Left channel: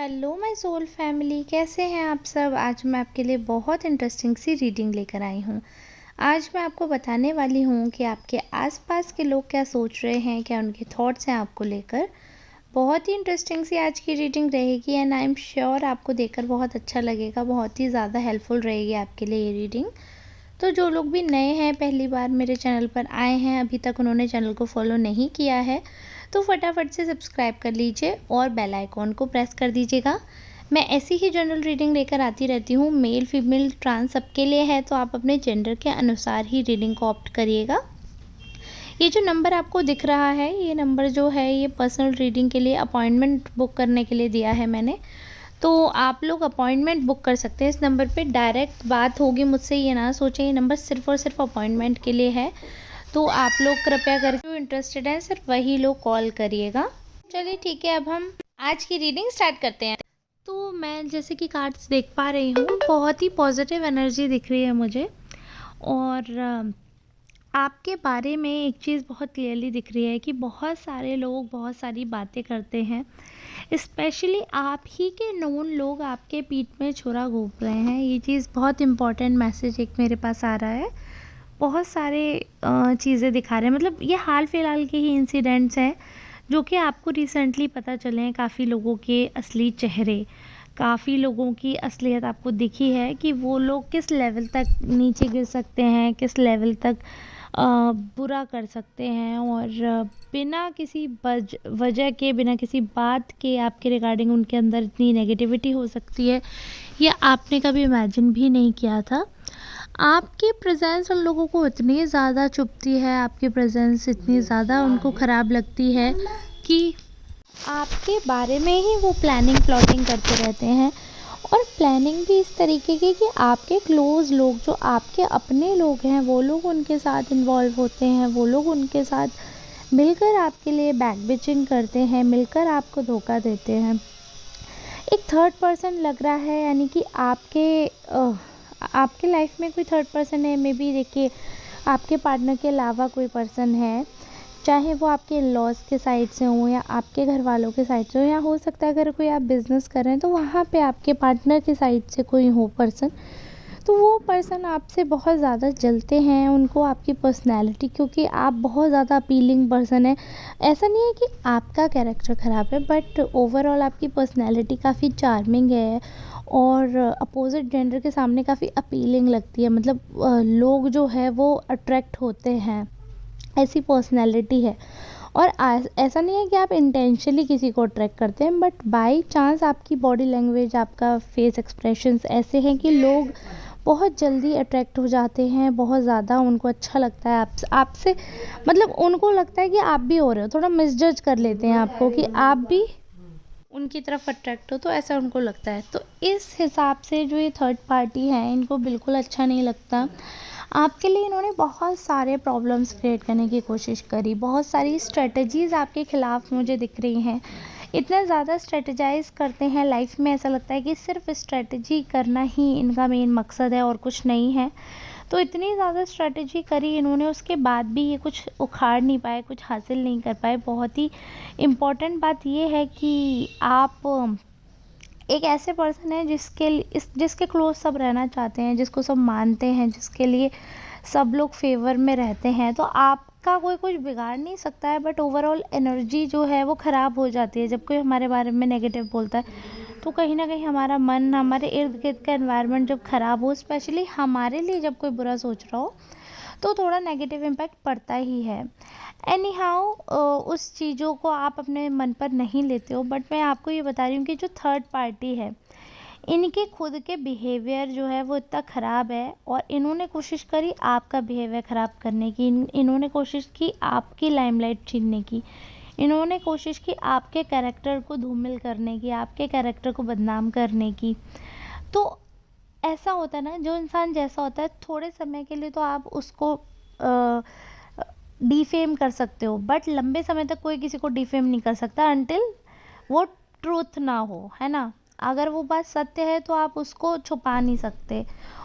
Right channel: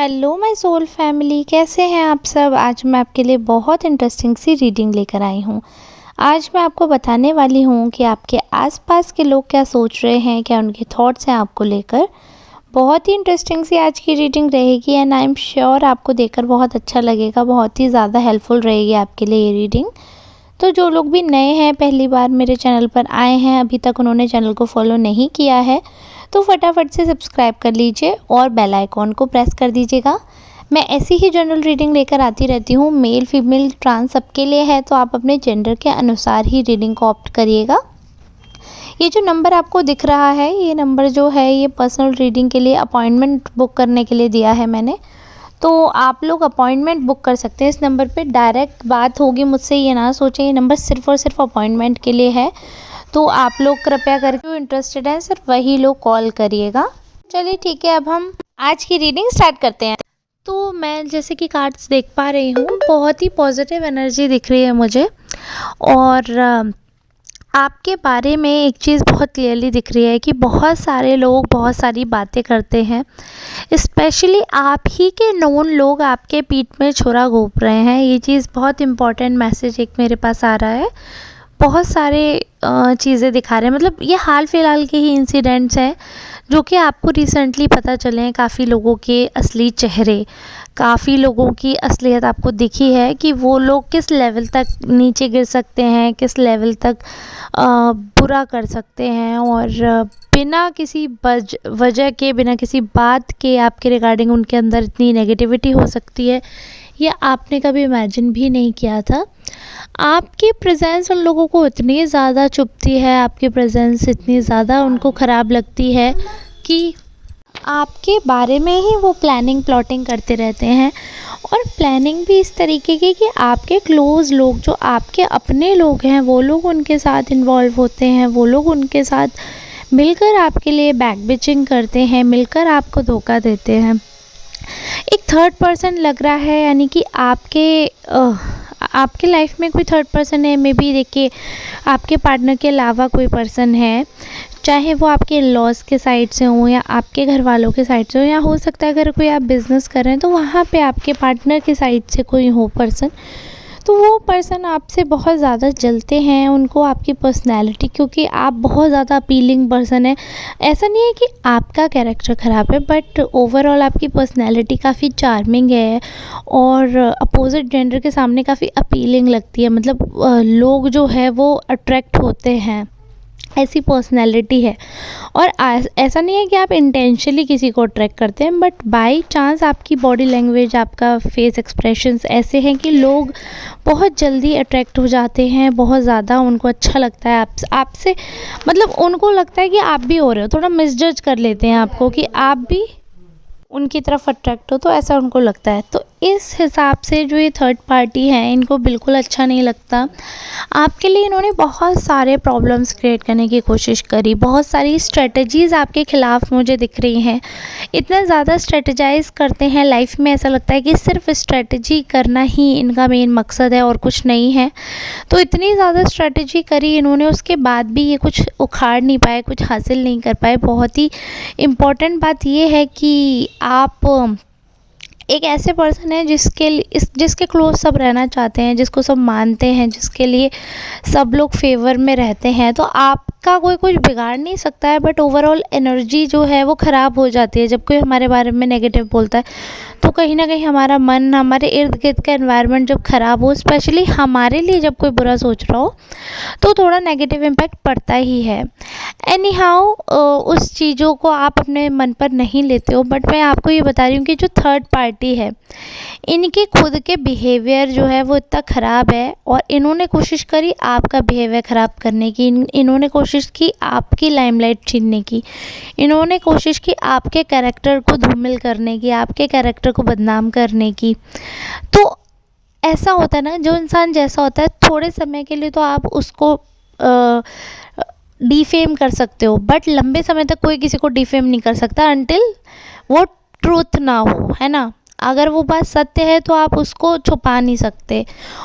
Hello my soul family, कैसे हैं आप सब। आज मैं आपके लिए बहुत इंटरेस्टिंग सी रीडिंग लेकर आई हूँ। आज मैं आपको बताने वाली हूँ कि आपके आसपास के लोग क्या सोच रहे हैं, क्या उनके थॉट्स हैं आपको लेकर। बहुत ही इंटरेस्टिंग सी आज की रीडिंग रहेगी एंड आई एम श्योर आपको देखकर बहुत अच्छा लगेगा, बहुत ही ज़्यादा हेल्पफुल रहेगी आपके लिए ये रीडिंग। तो जो लोग भी नए हैं, पहली बार मेरे चैनल पर आए हैं, अभी तक उन्होंने चैनल को फॉलो नहीं किया है, तो फटाफट से सब्सक्राइब कर लीजिए और बेल आइकॉन को प्रेस कर दीजिएगा। मैं ऐसी ही जनरल रीडिंग लेकर आती रहती हूँ, मेल फीमेल ट्रांस सबके लिए है, तो आप अपने जेंडर के अनुसार ही रीडिंग को ऑप्ट करिएगा। ये जो नंबर आपको दिख रहा है, ये नंबर जो है ये पर्सनल रीडिंग के लिए अपॉइंटमेंट बुक करने के लिए दिया है मैंने। तो आप लोग अपॉइंटमेंट बुक कर सकते हैं इस नंबर पे, डायरेक्ट बात होगी मुझसे, ये ना सोचें ये नंबर सिर्फ़ और सिर्फ अपॉइंटमेंट के लिए है। तो आप लोग कृपया करके जो इंटरेस्टेड हैं सिर्फ वही लोग कॉल करिएगा। चलिए ठीक है, अब हम आज की रीडिंग स्टार्ट करते हैं। तो मैं जैसे कि कार्ड्स देख पा रही हूँ, बहुत ही पॉजिटिव एनर्जी दिख रही है मुझे और आपके बारे में एक चीज़ बहुत क्लियरली दिख रही है कि बहुत सारे लोग बहुत सारी बातें करते हैं, स्पेशली आप ही के नोन लोग आपके पीठ में छुरा घोंप रहे हैं। ये चीज़ बहुत इम्पॉर्टेंट मैसेज एक मेरे पास आ रहा है। बहुत सारे चीज़ें दिखा रहे हैं, मतलब ये हाल फिलहाल के ही इंसिडेंट्स हैं जो कि आपको रिसेंटली पता चले हैं। काफ़ी लोगों के असली चेहरे, काफ़ी लोगों की असलियत आपको दिखी है कि वो लोग किस लेवल तक नीचे गिर सकते हैं, किस लेवल तक बुरा कर सकते हैं, और बिना किसी वजह के, बिना किसी बात के आपके रिगार्डिंग उनके अंदर इतनी नेगेटिविटी हो सकती है, ये आपने कभी इमेजिन भी नहीं किया था। आपकी प्रेजेंस उन लोगों को इतनी ज़्यादा चुभती है, आपकी प्रेजेंस इतनी ज़्यादा उनको ख़राब लगती है कि आपके बारे में ही वो प्लानिंग करते रहते हैं। और प्लानिंग भी इस तरीके की कि आपके क्लोज़ लोग, जो आपके अपने लोग हैं, वो लोग उनके साथ इन्वॉल्व होते हैं, वो लोग उनके साथ मिलकर आपके लिए बैक बिचिंग करते हैं, मिलकर आपको धोखा देते हैं। एक थर्ड पर्सन लग रहा है, यानी कि आपके लाइफ में कोई थर्ड पर्सन है। मे बी देखिए, आपके पार्टनर के अलावा कोई पर्सन है, चाहे वो आपके लॉस के साइड से हों या आपके घर वालों के साइड से हो, या हो सकता है अगर कोई आप बिज़नेस कर रहे हैं तो वहाँ पे आपके पार्टनर की साइड से कोई हो पर्सन। तो वो पर्सन आपसे बहुत ज़्यादा जलते हैं, उनको आपकी पर्सनैलिटी, क्योंकि आप बहुत ज़्यादा अपीलिंग पर्सन है। ऐसा नहीं है कि आपका कैरेक्टर ख़राब है, बट ओवरऑल आपकी पर्सनैलिटी काफ़ी चार्मिंग है और अपोजिट जेंडर के सामने काफ़ी अपीलिंग लगती है। मतलब लोग जो है वो अट्रैक्ट होते हैं, ऐसी पर्सनैलिटी है। और ऐसा नहीं है कि आप इंटेंशनली किसी को अट्रैक्ट करते हैं, बट बाय चांस आपकी बॉडी लैंग्वेज, आपका फेस एक्सप्रेशंस ऐसे हैं कि लोग बहुत जल्दी अट्रैक्ट हो जाते हैं, बहुत ज़्यादा उनको अच्छा लगता है आपसे। मतलब उनको लगता है कि आप भी हो रहे हो, थोड़ा मिसजज कर लेते हैं आपको कि आप भी उनकी तरफ अट्रैक्ट हो, तो ऐसा उनको लगता है। तो इस हिसाब से जो ये थर्ड पार्टी है, इनको बिल्कुल अच्छा नहीं लगता आपके लिए। इन्होंने बहुत सारे प्रॉब्लम्स क्रिएट करने की कोशिश करी, बहुत सारी स्ट्रेटजीज़ आपके ख़िलाफ़ मुझे दिख रही हैं। इतना ज़्यादा स्ट्रेटजाइज़ करते हैं लाइफ में, ऐसा लगता है कि सिर्फ स्ट्रेटजी करना ही इनका मेन मकसद है और कुछ नहीं है। तो इतनी ज़्यादा स्ट्रेटजी करी इन्होंने, उसके बाद भी ये कुछ उखाड़ नहीं पाए, कुछ हासिल नहीं कर पाए। बहुत ही इम्पॉर्टेंट बात ये है कि आप एक ऐसे पर्सन है जिसके क्लोज सब रहना चाहते हैं, जिसको सब मानते हैं, जिसके लिए सब लोग फेवर में रहते हैं। तो आपका कोई कुछ बिगाड़ नहीं सकता है, बट ओवरऑल एनर्जी जो है वो ख़राब हो जाती है जब कोई हमारे बारे में नेगेटिव बोलता है। तो कहीं ना कहीं हमारा मन, हमारे इर्द गिर्द का एनवायरनमेंट जब ख़राब हो, स्पेशली हमारे लिए जब कोई बुरा सोच रहा हो, तो थोड़ा नेगेटिव इम्पैक्ट पड़ता ही है। एनी हाउ उस चीज़ों को आप अपने मन पर नहीं लेते हो, बट मैं आपको ये बता रही हूँ कि जो थर्ड पार्टी है, इनके खुद के बिहेवियर जो है वो इतना ख़राब है, और इन्होंने कोशिश करी आपका बिहेवियर ख़राब करने की। इन्होंने कोशिश की आपकी लाइमलाइट छीनने की, इन्होंने कोशिश की आपके कैरेक्टर को धूमिल करने की, आपके कैरेक्टर को बदनाम करने की। तो ऐसा होता है ना, जो इंसान जैसा होता है, थोड़े समय के लिए तो आप उसको डिफेम कर सकते हो, बट लंबे समय तक कोई किसी को डिफेम नहीं कर सकता अनटिल वो ट्रूथ ना हो, है ना। अगर वो बात सत्य है तो आप उसको छुपा नहीं सकते,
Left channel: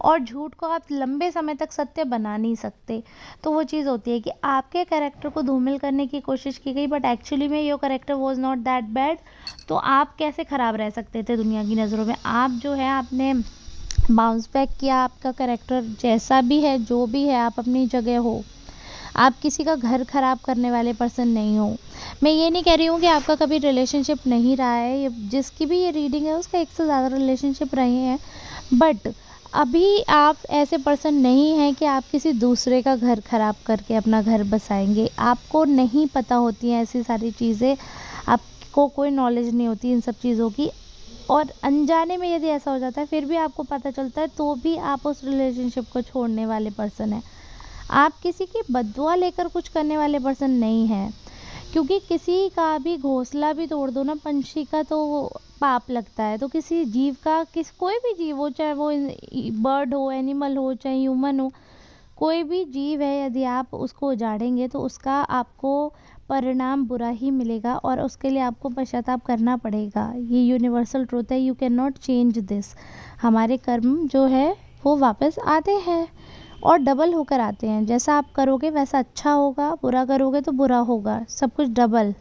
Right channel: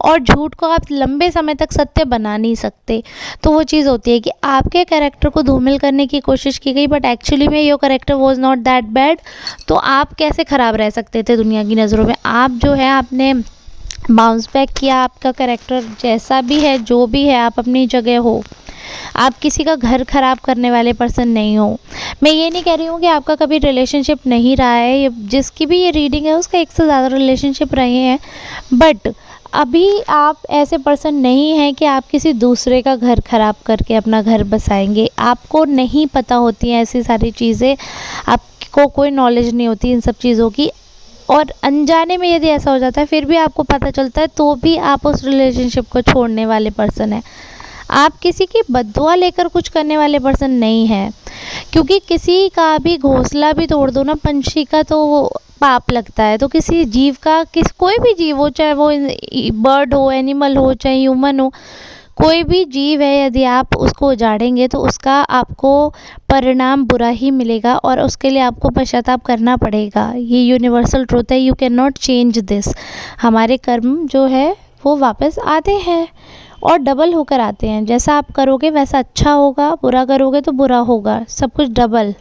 और झूठ को आप लंबे समय तक सत्य बना नहीं सकते। तो वो चीज़ होती है कि आपके कैरेक्टर को धूमिल करने की कोशिश की गई, बट एक्चुअली में your character was not that bad. तो आप कैसे ख़राब रह सकते थे दुनिया की नज़रों में? आप जो है आपने बाउंस बैक किया, आपका कैरेक्टर जैसा भी है, जो भी है, आप अपनी जगह हो। आप किसी का घर ख़राब करने वाले पर्सन नहीं हो। मैं ये नहीं कह रही हूँ कि आपका कभी रिलेशनशिप नहीं रहा है, ये जिसकी भी ये रीडिंग है उसका एक से ज़्यादा रिलेशनशिप रहे हैं, बट अभी आप ऐसे पर्सन नहीं हैं कि आप किसी दूसरे का घर ख़राब करके अपना घर बसाएंगे। आपको नहीं पता होती हैं ऐसी सारी चीज़ें, आपको कोई नॉलेज नहीं होती इन सब चीज़ों की, और अनजाने में यदि ऐसा हो जाता है फिर भी आपको पता चलता है तो भी आप उस रिलेशनशिप को छोड़ने वाले पर्सन हैं। आप किसी की बद्दुआ लेकर कुछ करने वाले पर्सन नहीं हैं, क्योंकि किसी का भी घोंसला भी तोड़ दो ना पंछी का तो वो पाप लगता है। तो किसी जीव का, कोई भी जीव हो, चाहे वो बर्ड हो, एनिमल हो, चाहे ह्यूमन हो, कोई भी जीव है, यदि आप उसको उजाड़ेंगे तो उसका आपको परिणाम बुरा ही मिलेगा, और उसके लिए आपको पश्चाताप करना पड़ेगा। ये यूनिवर्सल ट्रूथ है, you can not change this. हमारे कर्म जो है वो वापस आते हैं और डबल होकर आते हैं। जैसा आप करोगे वैसा अच्छा होगा, बुरा करोगे तो बुरा होगा, सब कुछ डबल।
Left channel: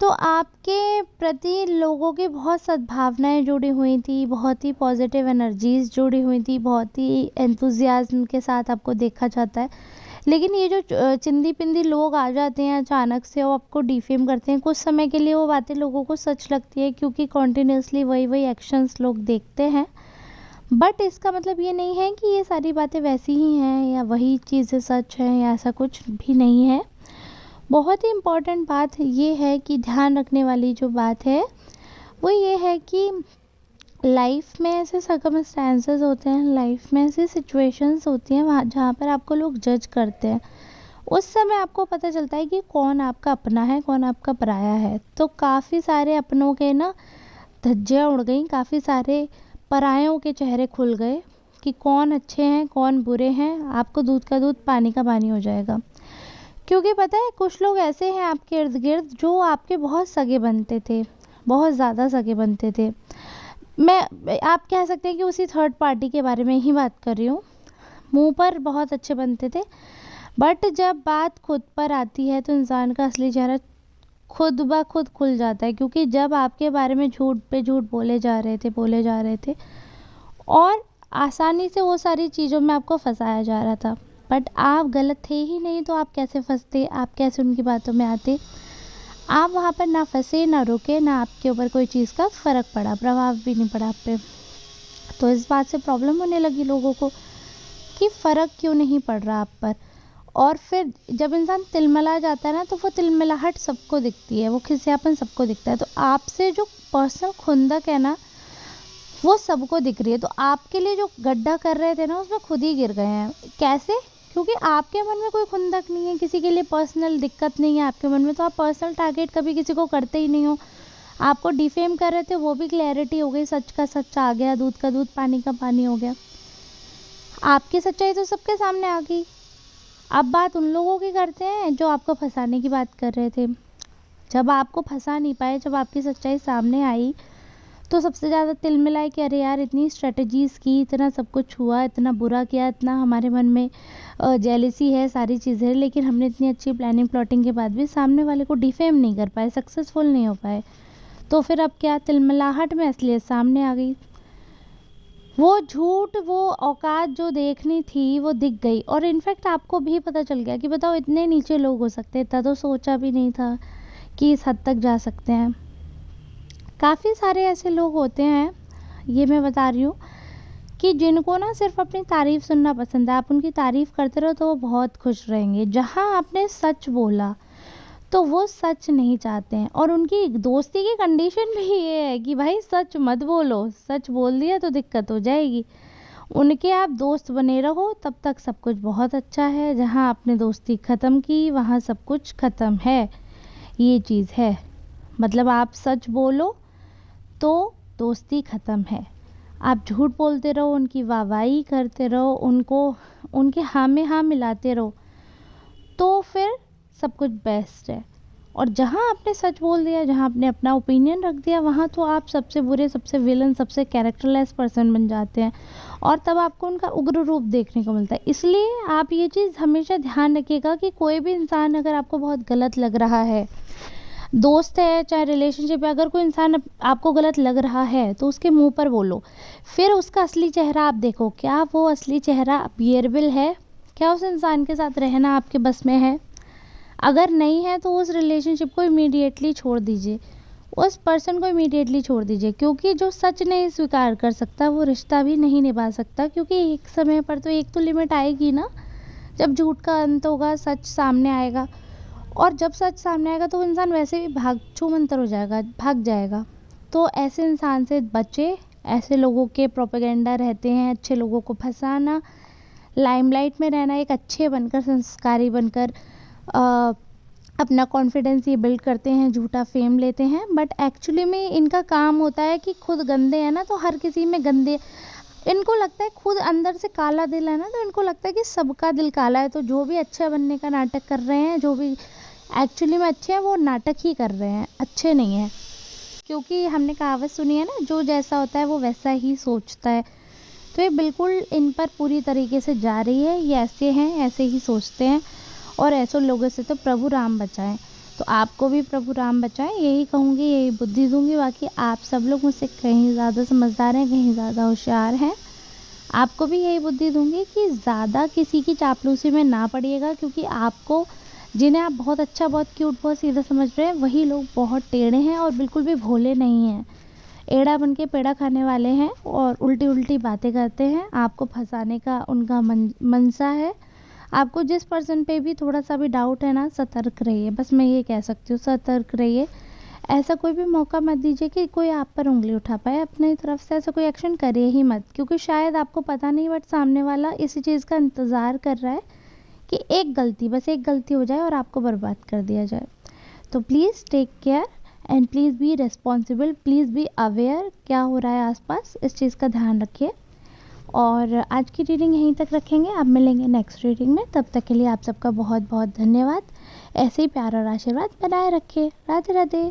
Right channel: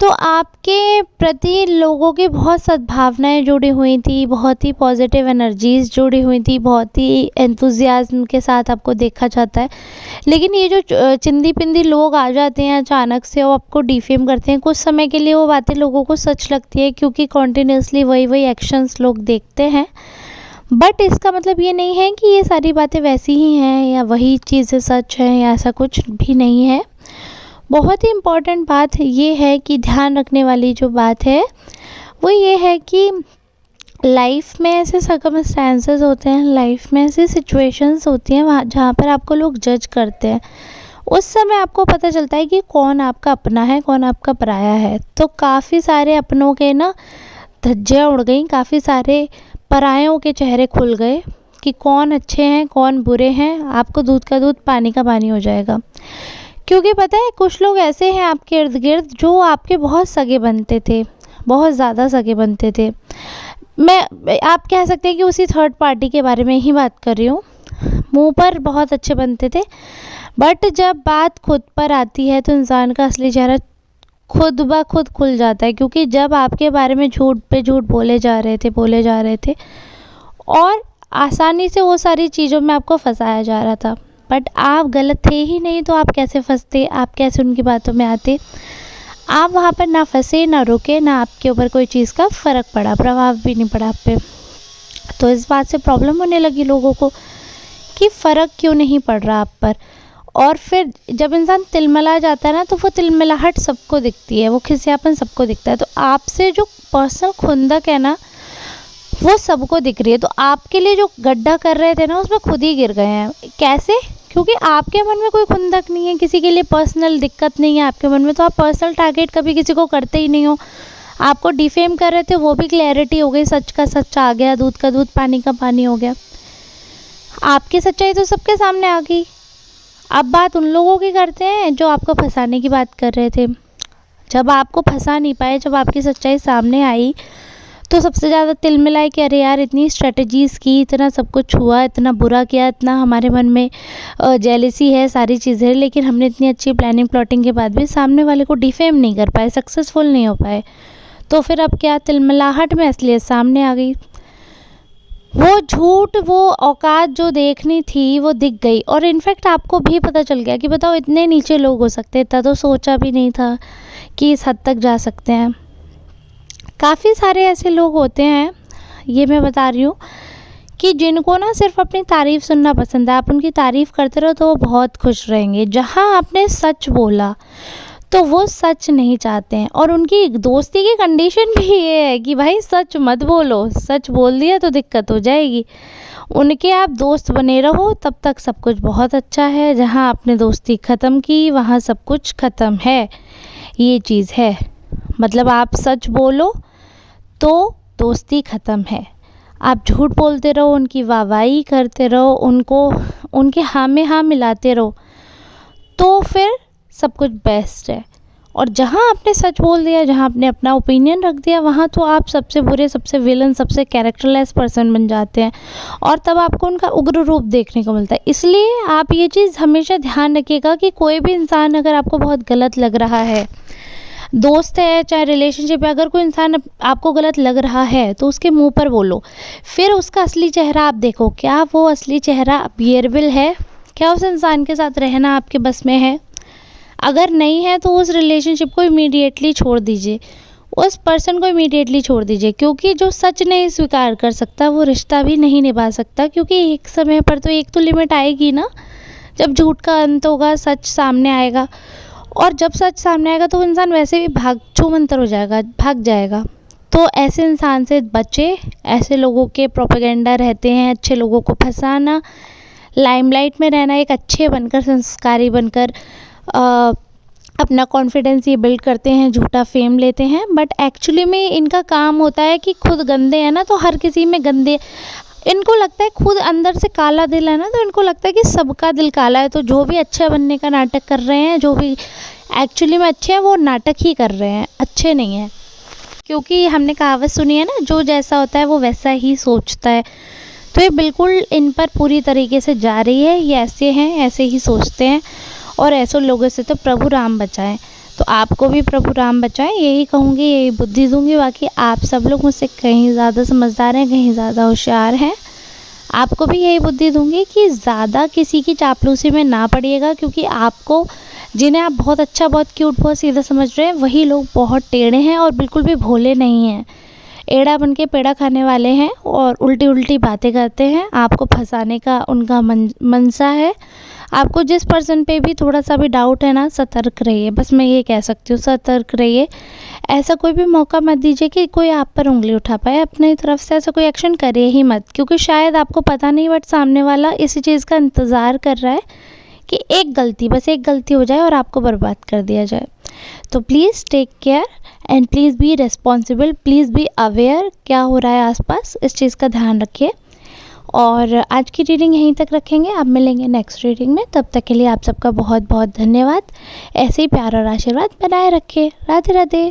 तो आपके प्रति लोगों की बहुत सद्भावनाएं जुड़ी हुई थी, बहुत ही पॉजिटिव एनर्जीज जुड़ी हुई थी, बहुत ही एंथुजियाज्म के साथ आपको देखा जाता है। लेकिन ये जो चिंदी पिंदी लोग आ जाते हैं अचानक से, वो आपको डिफेम करते हैं, कुछ समय के लिए वो बातें लोगों को सच लगती है, क्योंकि कॉन्टिन्यूसली वही वही एक्शंस लोग देखते हैं। बट इसका मतलब ये नहीं है कि ये सारी बातें वैसी ही हैं या वही चीज़ें सच हैं, या ऐसा कुछ भी नहीं है। बहुत ही इम्पॉर्टेंट बात ये है कि ध्यान रखने वाली जो बात है वो ये है कि लाइफ में ऐसे सर्कमस्टेंसेस होते हैं, लाइफ में ऐसी सिचुएशंस होती हैं वहाँ जहाँ पर आपको लोग जज करते हैं। उस समय आपको पता चलता है कि कौन आपका अपना है, कौन आपका पराया है। तो काफ़ी सारे अपनों के ना धज्जियाँ उड़ गई, काफ़ी सारे परायों के चेहरे खुल गए कि कौन अच्छे हैं कौन बुरे हैं। आपको दूध का दूध पानी का पानी हो जाएगा, क्योंकि पता है कुछ लोग ऐसे हैं आपके इर्द गिर्द जो आपके बहुत सगे बनते थे, बहुत ज़्यादा सगे बनते थे। आप कह सकते हैं कि उसी थर्ड पार्टी के बारे में ही बात कर रही हूँ। मुंह पर बहुत अच्छे बनते थे, बट जब बात खुद पर आती है तो इंसान का असली चेहरा खुद ब खुद खुल जाता है। क्योंकि जब आपके बारे में झूठ पे झूठ बोले जा रहे थे और आसानी से वो सारी चीज़ों में आपको फंसाया जा रहा था, बट आप गलत थे ही नहीं, तो आप कैसे फंसते, आप कैसे उनकी बातों में आते? आप वहाँ पर ना फंसे, ना रुके, ना आपके ऊपर कोई चीज़ का फ़र्क पड़ा, प्रभाव भी नहीं पड़ा आप पे। तो इस बात से प्रॉब्लम होने लगी लोगों को कि फ़र्क क्यों नहीं पड़ रहा आप पर। और फिर जब इंसान तिलमिला जाता है ना, तो वो तिलमिलाहट सबको दिखती है, वो खिसियापन सबको दिखता है। तो आपसे जो पर्सनल खुंदक है ना, वो सबको दिख रही है। तो आपके लिए जो गड्ढा कर रहे थे ना, उसमें खुद ही गिर गए हैं। कैसे? क्योंकि आपके मन में कोई खुंदक नहीं है, किसी के लिए पर्सनल दिक्कत नहीं है आपके मन में, तो आप पर्सनल टारगेट कभी किसी को करते ही नहीं हो। आपको डिफेम कर रहे थे, वो भी क्लैरिटी हो गई, सच का सच आ गया, दूध का दूध पानी का पानी हो गया। आपकी सच्चाई तो सबके सामने आ गई। अब बात उन लोगों की करते हैं जो आपको फंसाने की बात कर रहे थे। जब आपको फंसा नहीं पाए, जब आपकी सच्चाई सामने आई, तो सबसे ज़्यादा तिलमिलाए कि अरे यार, इतनी स्ट्रेटजीज़ की, इतना सब कुछ हुआ, इतना बुरा किया, इतना हमारे मन में जेलसी है, सारी चीज़ें, लेकिन हमने इतनी अच्छी प्लानिंग प्लॉटिंग के बाद भी सामने वाले को डिफेम नहीं कर पाए, सक्सेसफुल नहीं हो पाए। तो फिर अब क्या, तिलमिलाहट में असलियत सामने आ गई। वो झूठ, वो औकात जो देखनी थी वो दिख गई। और इनफैक्ट आपको भी पता चल गया कि बताओ, इतने नीचे लोग हो सकते, इतना तो सोचा भी नहीं था कि इस हद तक जा सकते हैं। काफ़ी सारे ऐसे लोग होते हैं, ये मैं बता रही हूँ, कि जिनको ना सिर्फ अपनी तारीफ़ सुनना पसंद है। आप उनकी तारीफ़ करते रहो तो वो बहुत खुश रहेंगे। जहाँ आपने सच बोला तो वो सच नहीं चाहते हैं, और उनकी दोस्ती की कंडीशन भी ये है कि भाई सच मत बोलो, सच बोल दिया तो दिक्कत हो जाएगी। उनके आप दोस्त बने रहो, तब तक सब कुछ बहुत अच्छा है। जहाँ आपने दोस्ती ख़त्म की वहाँ सब कुछ ख़त्म है, ये चीज़ है। मतलब आप सच बोलो तो दोस्ती ख़त्म है। आप झूठ बोलते रहो, उनकी वाहवाही करते रहो, उनको उनके हाँ में हाँ मिलाते रहो, तो फिर सब कुछ बेस्ट है। और जहाँ आपने सच बोल दिया, जहाँ आपने अपना ओपिनियन रख दिया, वहाँ तो आप सबसे बुरे, सबसे विलन, सबसे कैरेक्टरलेस पर्सन बन जाते हैं और तब आपको उनका उग्र रूप देखने को मिलता है। इसलिए आप ये चीज़ हमेशा ध्यान रखिएगा कि कोई भी इंसान अगर आपको बहुत गलत लग रहा है, दोस्त है चाहे रिलेशनशिप है, अगर कोई इंसान आपको गलत लग रहा है तो उसके मुंह पर बोलो। फिर उसका असली चेहरा आप देखो, क्या वो असली चेहरा बियरेबल है, क्या उस इंसान के साथ रहना आपके बस में है। अगर नहीं है तो उस रिलेशनशिप को इमीडिएटली छोड़ दीजिए, उस पर्सन को इमीडिएटली छोड़ दीजिए, क्योंकि जो सच नहीं स्वीकार कर सकता वो रिश्ता भी नहीं निभा सकता। क्योंकि एक समय पर तो एक तो लिमिट आएगी ना, जब झूठ का अंत होगा, सच सामने आएगा। और जब सच सामने आएगा तो वो इंसान वैसे भी भाग छूमंतर हो जाएगा, भाग जाएगा। तो ऐसे इंसान से बचे, ऐसे लोगों के प्रोपेगेंडा रहते हैं, अच्छे लोगों को फंसाना, लाइमलाइट में रहना, एक अच्छे बनकर, संस्कारी बनकर अपना कॉन्फिडेंस ये बिल्ड करते हैं, झूठा फेम लेते हैं। बट एक्चुअली में इनका काम होता है कि खुद गंदे हैं ना, तो हर किसी में गंदे, इनको लगता है खुद अंदर से काला दिल है ना, तो इनको लगता है कि सबका दिल काला है। तो जो भी अच्छा बनने का नाटक कर रहे हैं, जो भी एक्चुअली में अच्छे हैं, वो नाटक ही कर रहे हैं, अच्छे नहीं हैं। क्योंकि हमने कहावत सुनी है ना, जो जैसा होता है वो वैसा ही सोचता है। तो ये बिल्कुल इन पर पूरी तरीके से जा रही है। ये ऐसे हैं, ऐसे ही सोचते हैं और ऐसे लोगों से तो प्रभु राम बचाएं। तो आपको भी प्रभु राम बचाएं, यही कहूँगी, यही बुद्धि दूँगी। बाकी आप सब लोग मुझसे कहीं ज़्यादा समझदार हैं, कहीं ज़्यादा होशियार हैं। आपको भी यही बुद्धि दूँगी कि ज़्यादा किसी की चापलूसी में ना पड़िएगा, क्योंकि आपको, जिन्हें आप बहुत अच्छा, बहुत क्यूट, बहुत सीधा समझ रहे हैं, वही लोग बहुत टेढ़े हैं और बिल्कुल भी भोले नहीं हैं। एड़ा बन के पेड़ा खाने वाले हैं और उल्टी उल्टी बातें करते हैं। आपको फंसाने का उनका मनसा है। आपको जिस पर्सन पे भी थोड़ा सा भी डाउट है ना, सतर्क रहिए, बस मैं ये कह सकती हूँ, सतर्क रहिए। ऐसा कोई भी मौका मत दीजिए कि कोई आप पर उंगली उठा पाए। अपनी तरफ से ऐसा कोई एक्शन करे ही मत, क्योंकि शायद आपको पता नहीं, बट सामने वाला इसी चीज़ का इंतज़ार कर रहा है कि एक गलती, बस एक गलती हो जाए और आपको बर्बाद कर दिया जाए। तो please take care and please be responsible, please be aware क्या हो रहा है आसपास, इस चीज़ का ध्यान रखिए। और आज की रीडिंग यहीं तक रखेंगे, अब मिलेंगे नेक्स्ट रीडिंग में। तब तक के लिए आप सबका बहुत बहुत धन्यवाद। ऐसे ही प्यार और आशीर्वाद बनाए रखें। राधे राधे।